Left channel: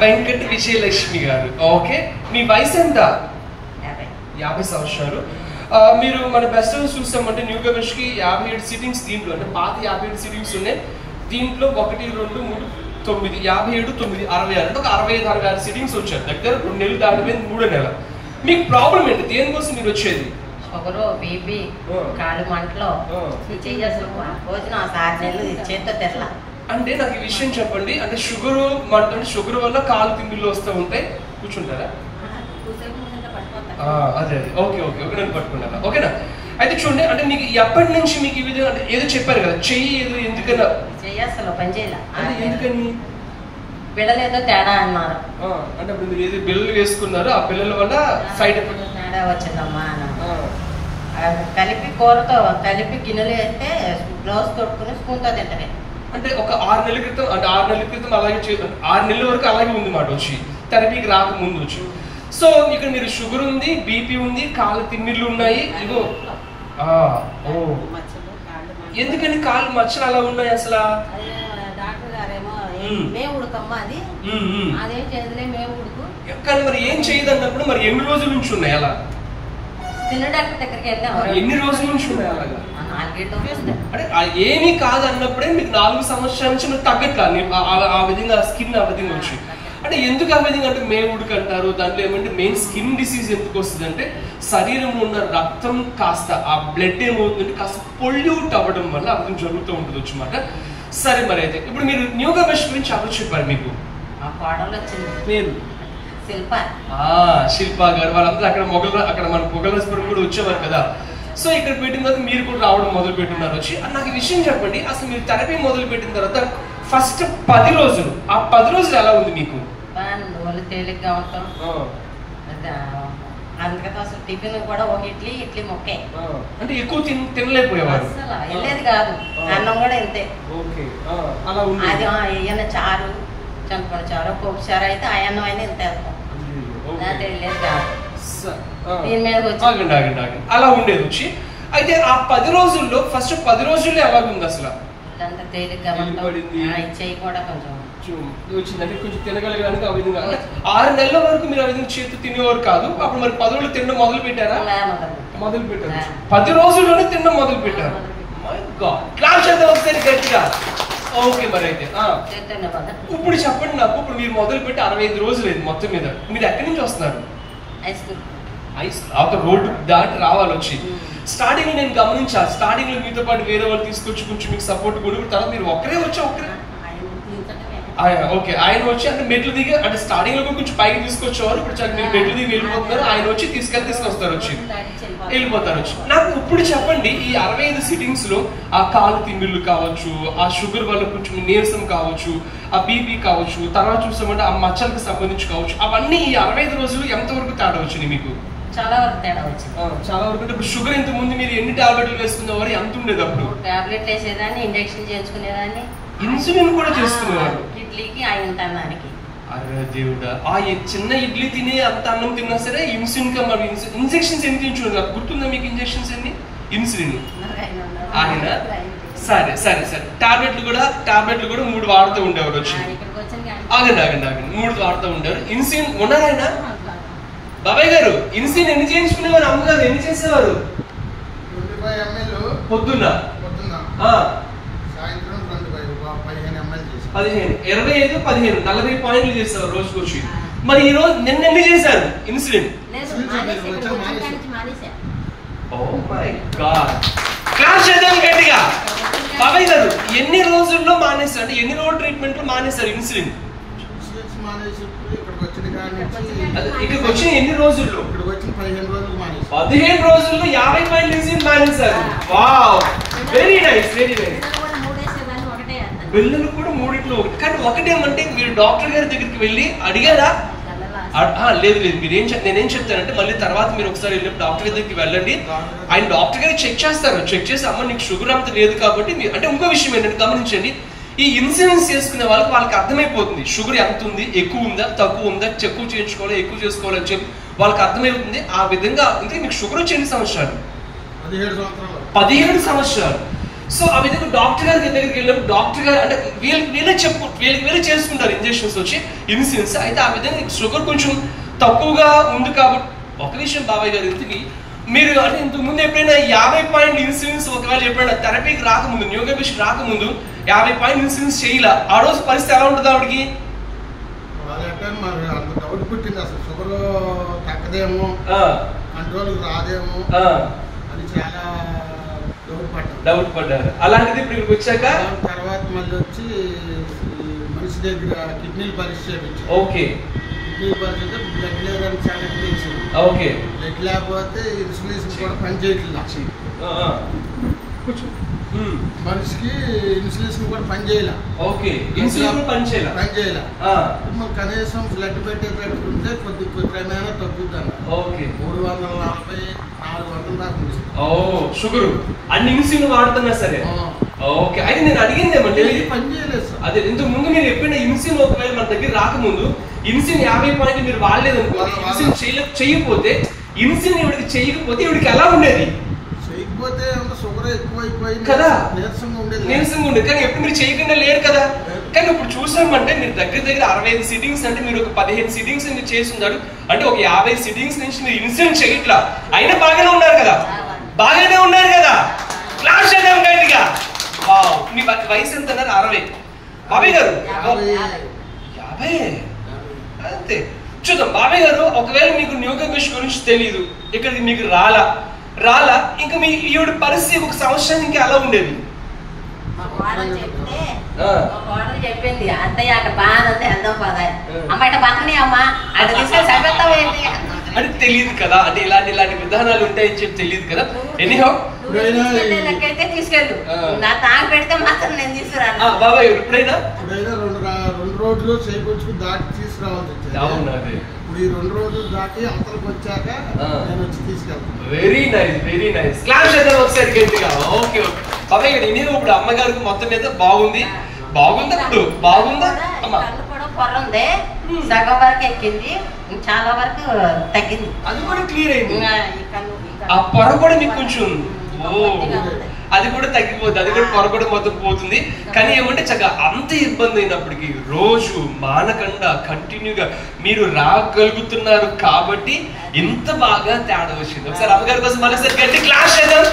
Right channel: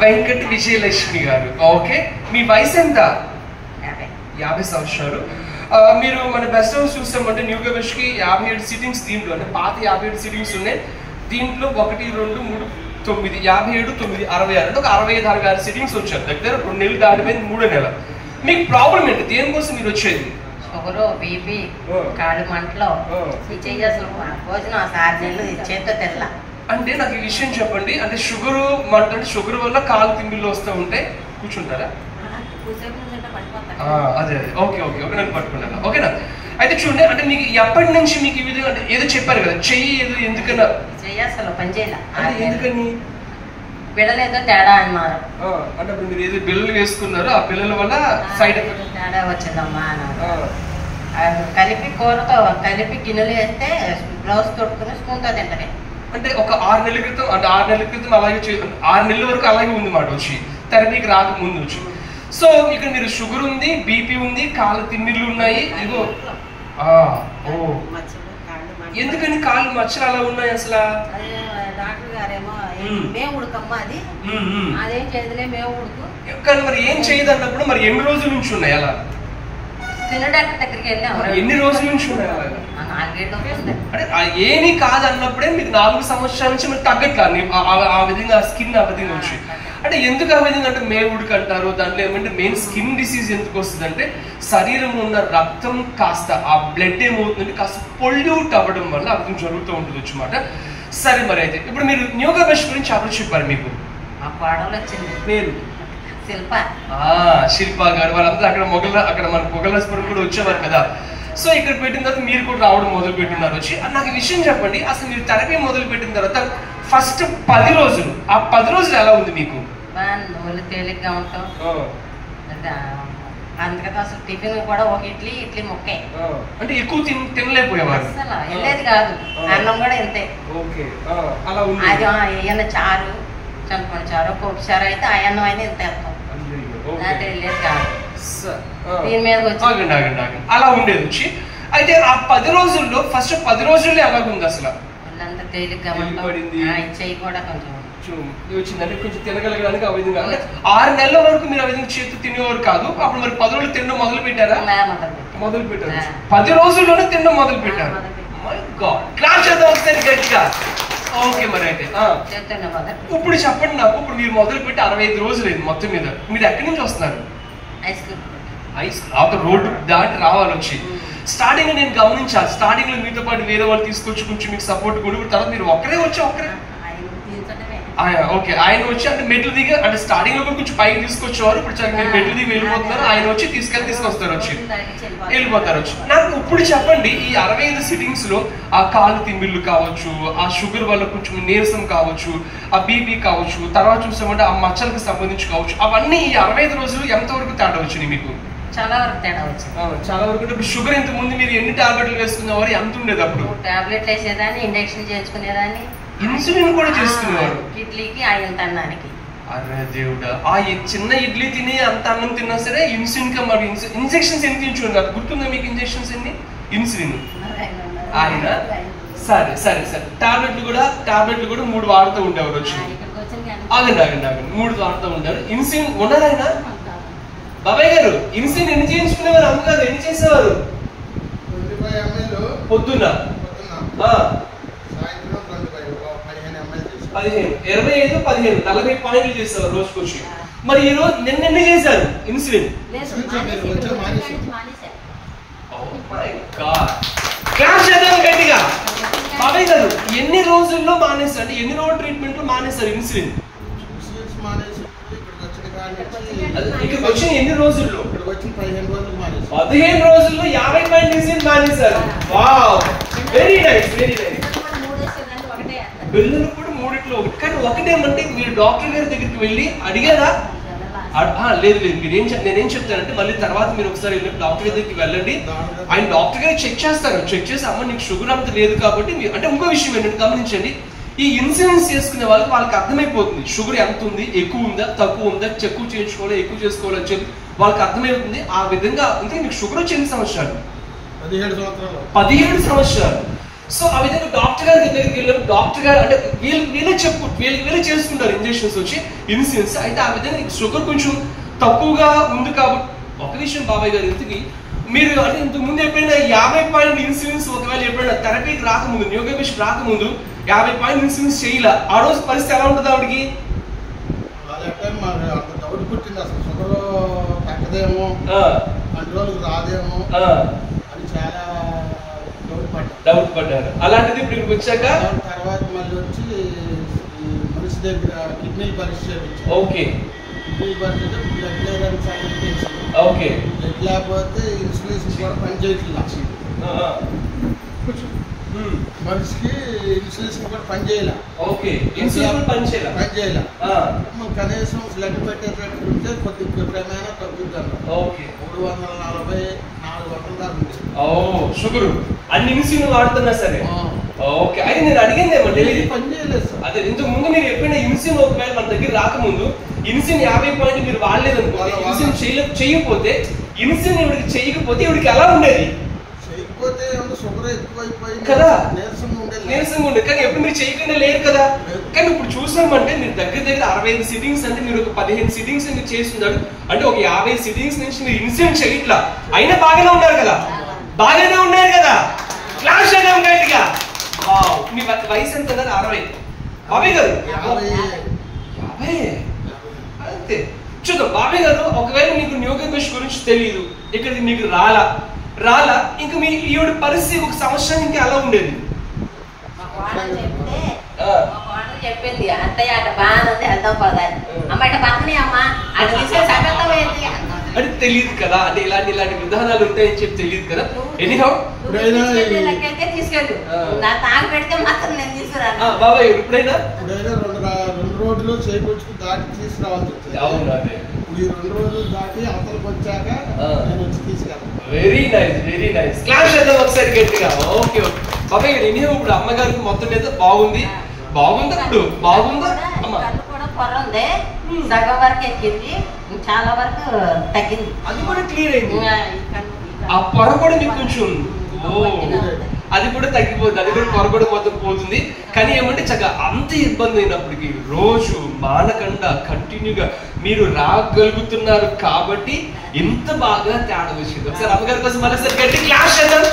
వెంకట విజయలక్ష్మి గారు. ఓకే, మీ వయసు ఎంత? 50 సంవత్సరాలు. మీరు మన బెస్ట్ హౌస్ చూస్తామంటే న్యూ గవర్నర్స్కి 57 సీటింగ్స్ దీంట్లో, అంటే పాత 57 సీటింగ్స్ ఉన్నాయి. దీంట్లో 1, 2, 3, 9, 57, 9, 66 అంటే ఒక 65 సీటింగ్స్ వచ్చారు. దగ్గర 2 నెలలు దాటిపోయింది, 3వ నెల. మీకు ప్రాబ్లం ఏంటి? దేనికోసం మీరు వచ్చేది? షుగరు, బీపీ, కాళ్ళు మంటలు, చెయ్యి అసలు భోజనం 6 నెలలు చేతితో తెరలా. అంటే నాకు ఈ విషయం చెప్పండి, అంటే షుగరు మంట, అంటే షుగర్ వల్ల కాలు తిండిలో వస్తూ ఉంటే కూర్చుంటారా? అదే అదే, ఓకే ఓకే ఓకే, నేను పట్టుకున్నాను. ఓకేనా? అయితే చూడండి, అంటే మీకు ఎప్పటి నుంచి మీకు ఈ విధంగా, అంటే ఏదో చెప్పారు కదా చెయ్యి, ఏదో ఎందుకన్నా చెయ్యి అసలు పని చేయాల. ఎందుకని? పిల్లలు ఏదో తేడా అన్నారు. అంటే అప్పుడు మీరు ఏదో బిళ్ళలు వేసుకున్నారు, ఆ బిళ్ళల వల్ల సైడ్ ఎఫెక్ట్ తేడా వచ్చిందమ్మా. కలిపి కూరతో కలిపి గిన్నెలు వేస్తే గ్లౌస్ తొట్టుకుని స్పూన్తో తింటమే. అంటే ఒక 6 నెలల క్రితం, అంటే 6 నెలల క్రితం అలాగే 6 నెలల వరకు అలాగే ఉంది మాట వచ్చి, థెరపీకి రాకముందు వచ్చి. సో ఇక్కడ మీరు షుగర్ ఉంది, బీపీ ఉంది, కాళ్ళ తిమ్మిర్లు ఉన్నాయి. ఇగో ఎందుకని కాళ్ళు మచ్చలు అలా ఉన్నాయి అసలు? డాక్టర్ గారేమో మేము ఉడకమ్మా, అది అదేం చేయదులే మేము ఉడుకు. కానీ మరి ఏం చేయదు అన్నప్పుడు మరి ఎన్ని రోజుల నుంచి ఉన్నాయి అలా? చిన్న డాక్టర్ దగ్గరికి వెళ్ళాము. ఎన్ని రోజుల నుంచి ఉన్నాయి అలాగా? 4 రోజులు. అంటే ఏమీ కాదు అన్నప్పుడే మీకు 4 సంవత్సరాల నుంచి మీరు తగ్గట్లా ఆ విధంగా స్కిన్ ఆ విధంగా వచ్చి. అంటే ఎందుకు ఆ విధంగా అంటే మేవుడికి అంటారు? దాంట్లో ఏమంటే మెయిన్ స్కిన్ డిసీజ్ ఎందుకు వస్తుంది అంటే శరీరంలో ఉన్న రక్తం కాస్త ఆ బ్లడ్ ఏమవుతుందంటే కాస్త పొల్యూట్ అవ్వడం వల్ల ఆ విధంగా జరుగుతూ ఉంటుంది వచ్చమాట. సరే, మరి అయితే ఇప్పుడు మీరు న్యూ గవర్నర్స్ గురించి అప్పుడు చెప్పారు. మీకు మా కోడలు వచ్చింది, పేరు శిల్ప. శిల్ప గారు. వాళ్ళంతా అక్కడ మన పొగలస్పురం కూడా వచ్చేవారు కదా. సో ఇక్కడ పెట్టిన తర్వాత మీరు కూడా రావడం మొదలు పెట్టున్నారు వచ్చి. నాకు ఈ విషయం చెప్పండి, అసలు మీరు థెరపీ మొదలు పెట్టిన తర్వాత ఫస్ట్ 10 రోజులు, ఆ 10 రోజులు ఎలా ఉంది మీకు? తేలిగ్గా ఉంటాం. అందుకని అసలు టిఫిన్ కూడా ఒక ఇడ్లీ ముక్కే. అంటే ఎక్కువ తినలేకపోయేవారు? అసలు వెళ్ళేది కాదు. అన్నం కూడా ఇంతే. అలా ఉంది. అది ఏమైనా చారు, చింతపండు చారు, పప్పు చారు అయితే ఆ అన్నం అయినా ఇంత వేస్తాం. వెళ్ళేది కాదు. దీని మీద ఆగండి, అలా ఉండేది వచ్చి. అయితే ఆ 10 రోజుల్లో ఫస్ట్ 10 రోజుల్లో ఎలాగుంది అసలు? తేలిగ్గా చెయ్యి కూడా కొంచెం వచ్చిందంటే కొంచెం తినగలగడానికి ఆ విధంగా. అంటే 6 నెలల వరకు మీరు ఆ విధంగా చేతి తినేవారు కాదు. అప్పుడు మరి 10 రోజులు తినడం మొదలు పెట్టారా? మొదలు పెట్టారు. 10 రోజుల్లోనే తినడం మొదలు పెట్టారు. మై గాడ్, క్లాస్ చేద్దాం ఒకసారి గట్టిగా. ఓకే, మరి అయితే ఇప్పుడు చెప్పండి నాకు, ఇప్పుడు మీరు మొదలు పెట్టి 65 రోజులు అయింది మొత్తం మీద. మీరు ఎక్కడి నుంచి వస్తున్నారు? రోడ్డు దాటి రావాలి వచ్చి. స్టార్టింగ్ లో నేను గమనించాను, స్టార్టింగ్ లో మీతో పాటు వేరే వాళ్ళు తీసుకొచ్చి కొంచెం మీకు సపోర్ట్ కూడా, తర్వాత మీరు ఒక్కరే ఓకే ఆయన వచ్చి అంటే మెట్లు దిగి, అంటే స్టార్టింగ్ లో కొంచెం పైకి తీసుకొచ్చేవారు. ఇప్పుడు మీరు మెట్లు దిగి వెళ్ళిపోతున్నారు, ఆయన వచ్చి తీసుకొస్తారు వచ్చి వెళ్ళిపోతారు వచ్చి. నాకు ఇప్పుడు చెప్పండి, ఈ 65 సిట్టింగ్స్ లో ఆ కాలు తిమ్మిళ్ళు కావచ్చు, ఆ షుగర్ వల్ల కొంచెం నీరసం కావచ్చు, ఆ బీపీ కావచ్చు, తర్వాత చూసామంటే ఆ మచ్చలకు సంబంధించి కావచ్చు, అవన్నీ ఈ 65 రోజులు ఎంతవరకు తేడా వచ్చినాయి మీకు? చాలా వరకు తేడా వచ్చింది. చాలా వరకు. ఇప్పుడు షుగర్ ఇంత ముందు మీరు ఎన్ని టాబ్లెట్లు వేసుకునేవారు? ఎంత ఉండేది అప్పుడు? టాబ్లెట్లు వేసేదాన్ని, ఇంజక్షన్ చేయించుకునేదాన్ని, ఇన్సులిన్ కూడా చేసుకునేవారు. ఇడ్లీకి ఆయన అన్నానికి. అరే దేవుడా, ఆ చిన్న ఇడ్లీ తిని అంత అన్నం తిన్నా సరే ఇన్సులిన్ కా మరి ఇంజక్షన్స్ ఎన్ని తించుకున్నారు? నాకు గుర్తుందా మీకు ఇంజక్షన్స్ ఎన్ని? ఇన్సులిన్ ఆయన. సరే సరే సరే, టాబ్లెట్లు కూడా 3 వాడుతూ ఉండేవారు వచ్చి. ఆగండి 3 వాడుతూ ఉంటారు. ఇన్సులిన్ ఉన్నారు ఆయన. బాబాయ్ గారు, ఇన్సులిన్ ఎన్ని చేయించుకునేవారు? అమ్మగారు ఎన్ని చేసేవారు? 25 ml పొద్దున్న, 15, 25, 15, 40 పాయింట్లు చేస్తారు రోజు కూర్చి. మరి ఈ రోజు నిన్న ఎన్ని చేశారు ఇన్సులిన్? గట్టిగా. బాబాయ్ గారు, ఎన్ని రోజుల్లో మానేశారు? అంటే ఎన్ని రోజులు ట్రీట్మెంట్ లో మానేశారు ఇన్సులిన్? ఇక్కడికి వచ్చిన ఎన్ని రోజుల్లో? 15 రోజుల్లో 50 పాయింట్ ఇన్సులిన్ మానేశారు. Wow, very nice, very nice. బిల్లులు కూడా 3 ఒకటి. కానీ ఒకటేమంటే మీరు డాక్టర్ గారి దగ్గరికి వెళ్ళి అడిగారా? లేదు, నేనేం చెప్తానంటే మళ్ళీ తర్వాత మీరు ఒకసారి వెళ్ళినప్పుడు డాక్టర్ గారి దగ్గరికి వెళ్ళండి. ఆయన డాక్టర్ గారు చెక్ చేస్తారు. చెక్ చేసి అమ్మ నీకు షుగర్ అంత లేదు కాబట్టి అంటే ఇంకో విషయం ఏంటంటే గమనించండి, ఈ ఇన్సూరెన్స్ చేసుకునే వాళ్ళకి అర్థమైపోతుంది షుగర్ ఎంత ఉంది, ఎక్కువ ఉందా, తక్కువ ఉందా, ఎక్కువ చేయించుకోవాలి, ఎక్కువ చేసుకోవాలని చెప్పి వాళ్ళకి అర్థమవుతుంది. ఆ విధంగా అంటే మీకు షుగర్ వచ్చి ఎన్ని సంవత్సరాలు? 17 సంవత్సరాలు. సో ఆ విధంగా డాక్టర్ గారి దగ్గరికి వెళ్ళినప్పుడు డాక్టర్ గారు అంటే వీళ్ళే చేసుకుంటారు ఇంజెక్షన్స్ వచ్చి ఇన్సులిన్స్. అయితే ఆ విధంగా షుగర్ కొంచెం తక్కువగా ఉంది కాబట్టి ఒక విషయం బాబాయ్ గారు ఇంతకి మీరు అంటే ఇంతకు ముందు ఎప్పుడైనా 50 పాయింట్ ఇన్సులిన్స్ ఒకవేళ ఎప్పుడైనా థెరపీకి రాకముందు న్యూరోబిష్ రాకముందు 50 పాయింట్ ఇన్సులిన్స్ చేయాల ఆ రోజు పరిస్థితి ఎలా ఉంటుంది ఆవిడకి? డౌట్ పుట్టింది అసలు షుగర్ తగ్గదేమో కంట్రోల్కి రాదేమో అని చాలా డౌట్ పడ్డారు. అలాంటిది ఇప్పుడు వచ్చాక తర్వాత మళ్ళీ వచ్చి మనిషి దగ్గర కిడ్నీలు పరీక్ష చేయించారు. ఓకే, కిడ్నీ పరీక్ష బ్లడ్ లేదని సంగతి తెలిసింది. ఓకే, బ్లడ్ లేకపోతే ఇన్సులిన్ కూడా పనిచేయట్లేదు. మనిషికి ఇన్సులిన్ కూడా పనిచేయాల. Okay, insulin పనిచేయాల. కనీసం బ్లడ్ పెట్టేటట్టు ఉంటే కొద్ది క్రమేణా తగ్గుతాను. ఓకే, 340, 400 దాకా ఉంది. షుగర్ అన్ని ఇన్సులిన్ వాడుతున్నా సరే. ఓకే, అయితే నేను అడిగింది పని చేయలేదు సార్. అదే ఇంతకు ముందు మీరు ఎప్పుడైనా ఇన్సులిన్ ఒకవేళ మన దగ్గర రాకముందు ఇన్సులిన్ 50 పాయింట్ మీరు వాడలేదు ఇన్సులిన్ చేయకపోతే ఇన్సులిన్ ఇవిడికి చేయకపోతే ఇవిడికి ఎలా ఉండేది? చేయకపోతే షుగర్ ఎక్కువైపోయింది కదా, నీరసంగా ఉండేది. కానీ ఎప్పుడు మీరు చేయకుండా లేరు కదా. కానీ ఇప్పుడు చూసామంటే మీరు దగ్గర 65 సిట్టింగ్స్ అంటే మీరు ఒక 15 సిట్టింగ్స్ మీరు చేస్తున్నారు అంటే ఒక 50 సిట్టింగ్స్ నుంచి మీరు ఇన్సులిన్ చేయట్లా, అయినా బాగానే ఉన్నారు కదా. బాగానే ఉన్నారు కదా. క్లాస్ చేద్దాం గట్టిగా. మీ వయసు ఎంత అన్నారు? 60. బాబాయ్ గారు 50 అంతే. చూద్దాం బాబాయ్ గారు, ఒకవేళ మీకు న్యూరోబిష్ గురించి తెలియదు, ఇక్కడికి మీకు రాలా ఇంకా మీ ఈవిడ పరిస్థితి 1 సంవత్సరం ఇంకా అలా ఉండేది. చెప్పింది అంతయ్య అక్కడ బాగానే ఉంది వెళ్దాం పదా అమ్మ ఇట్లా పక్కనే అమ్మా అంటే తెలియదు కదా, అంటే ఇలాంటి విధానాలు ఉంటాయని చెప్పి తెలియదు కదా. ఎనీహౌ తీసుకెళ్ళు నా తాగి పెడితే మాత్రం నేను తీసుకురాను. బాబాయ్ ఎప్పుడైనా 2 రోజులు చేకూర్చుకు దాటి తీసుకురావాల్సి వచ్చేది. ఇప్పుడు ఈ 2 రోజులు దాటి అవతలకు వచ్చాక నేను వచ్చి తీసుకెళ్తాను. Very nice. క్లాస్ చేద్దాం ఒకసారి గట్టిగా. ఓకే బాబాయ్ గారు, నేను ఇప్పుడు అమ్మగారికి మొత్తం మీద బాగుందా అమ్మా? పొర ఉంది, సగం వరకు ఎక్కింది, చాలా వరకు తగ్గింది. అది కూడా క్లియర్ అయింది. ఆ పొర కూడా మీకు కొంచెం అది కూడా తగ్గిపోతుంది, అది కూడా పొర కూడా మొత్తం పోతుంది. కానీ ఏమంటే చక్కగా అంత ఇబ్బంది అయినప్పటికీ రోజు మానకుండా కంటిన్యూగా మీరు రాగలుగుతున్నారు కాబట్టి ఇంత బాగా తేడా వచ్చింది. ఒకసారి అమ్మగారి కోసం మరోసారి గట్టి క్లాస్ చేద్దాం.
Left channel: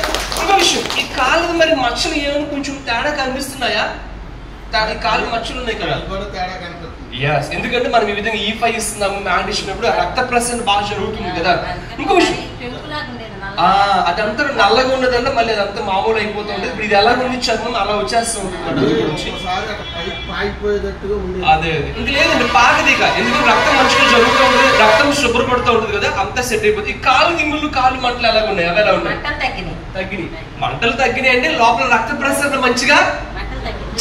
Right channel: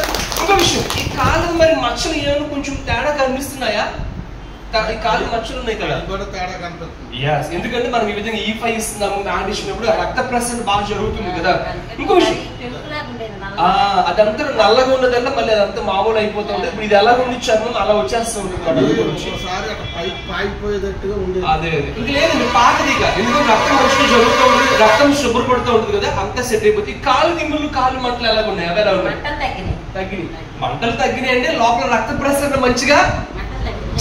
ఒక విషయం, ఈ కాలు మరి మచ్చలు ఏమైనా కొంచెం తేడా కనిపిస్తున్నాయా? కాలు మచ్చలు ఉన్నాయి కదా, ఎందుకంటే మనం ఈ విధంగా E5 ఇస్తున్నాము, మ్యాండ్ ఇచ్చినప్పుడు రక్త ప్రసరణ బాగా జరుగుతుంది కదా. ఇంకో విషయం, అదంతా నల్లగా ఉన్నదల్లా మళ్ళీ అదంతా మామూలు అయిపోతుంది. ఇప్పుడు ఇది ఎలా ఉంది చర్మం అలా వచ్చేస్తూ ఉంటుంది. అదే ఇంక లేదండి పాకదిక, ఎందుకంటే రక్తం మంచిగా జరుగుతుంది, రక్తం శుభ్రపడుతూ ఉంటుంది కదా, అంతా సెట్ అయిపోతుంది. ఈ కాలు నిమ్ములు కాలు మంటలు ఎలా ఉన్నాయి? అవి ఎలా ఉన్నాయి? తగ్గినాయి. మంటలు తగ్గినాయి అంటే లోపల రక్త ప్రసరణ మంచిగా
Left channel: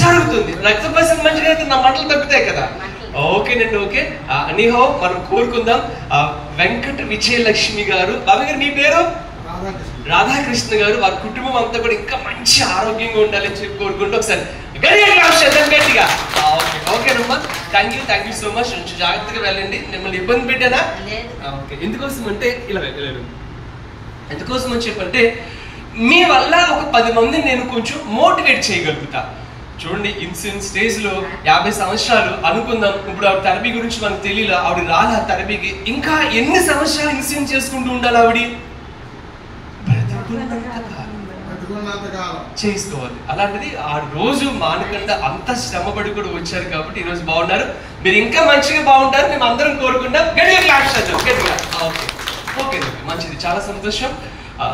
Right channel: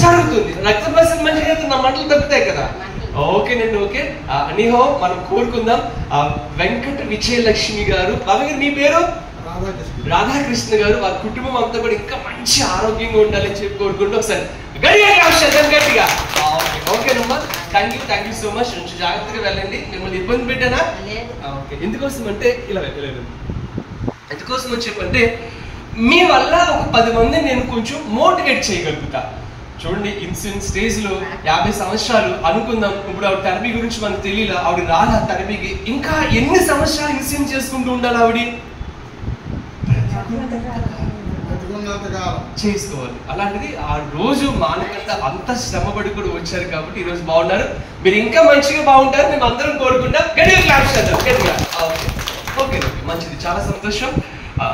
జరుగుతుంది. రక్త ప్రసరణ మంచిగా అయితే నా మంటలు తగ్గుతాయి కదా. ఓకేనండి, ఓకే. ఎనీహౌ మనం కోరుకుందాం. వెంకట విజయలక్ష్మి గారు, బాబాయ్ గారు మీ పేరు? రాధాకృష్ణ గారు, వారి కుటుంబం అంతా కూడా ఇంకా మంచి ఆరోగ్యంగా ఉండాలని చెప్పి కోరుకుంటూ ఒకసారి గట్టిగా. ఓకేనమ్మా, థ్యాంక్ యూ సో మచ్. కొంచెం జాగ్రత్తగా వెళ్ళండి. మిమ్మల్ని ఇబ్బంది పెట్టానా? ఓకే. ఎందుకోసం అంటే ఇలా ఎందుకోసం అని చెప్పంటే మీ వల్ల ఒక 10 మంది నేను కొంచెం మోటివేట్ చేయగలుగుతా. చూడండి, ఇన్సులిన్ స్టేజ్ లో 50 సంవత్సరాలు అనుకుందాం. ఇప్పుడు ఆవిడ థెరపీ గురించి మనకు తెలియదు, ఆవిడ రాదా థెరపీకి. ఇంకా ఎన్ని సంవత్సరాలు ఇన్సులిన్ చేసుకుంటూ ఉండాలి ఆవిడ? చేసుకోవాలి. అలాంటిది ఆ రోజు మానకుండా అంత శ్రమపడి కూడా వచ్చారు కాబట్టి ఈ రోజు బాగున్నారు. మీరు ఇంకా మంచిగా బాగుంటారు మేము అందరం కోరుకుంటాం. గట్టిగా క్లాప్స్ చేద్దాం. ఓకే, మంచిది, చాలా సంతోషం.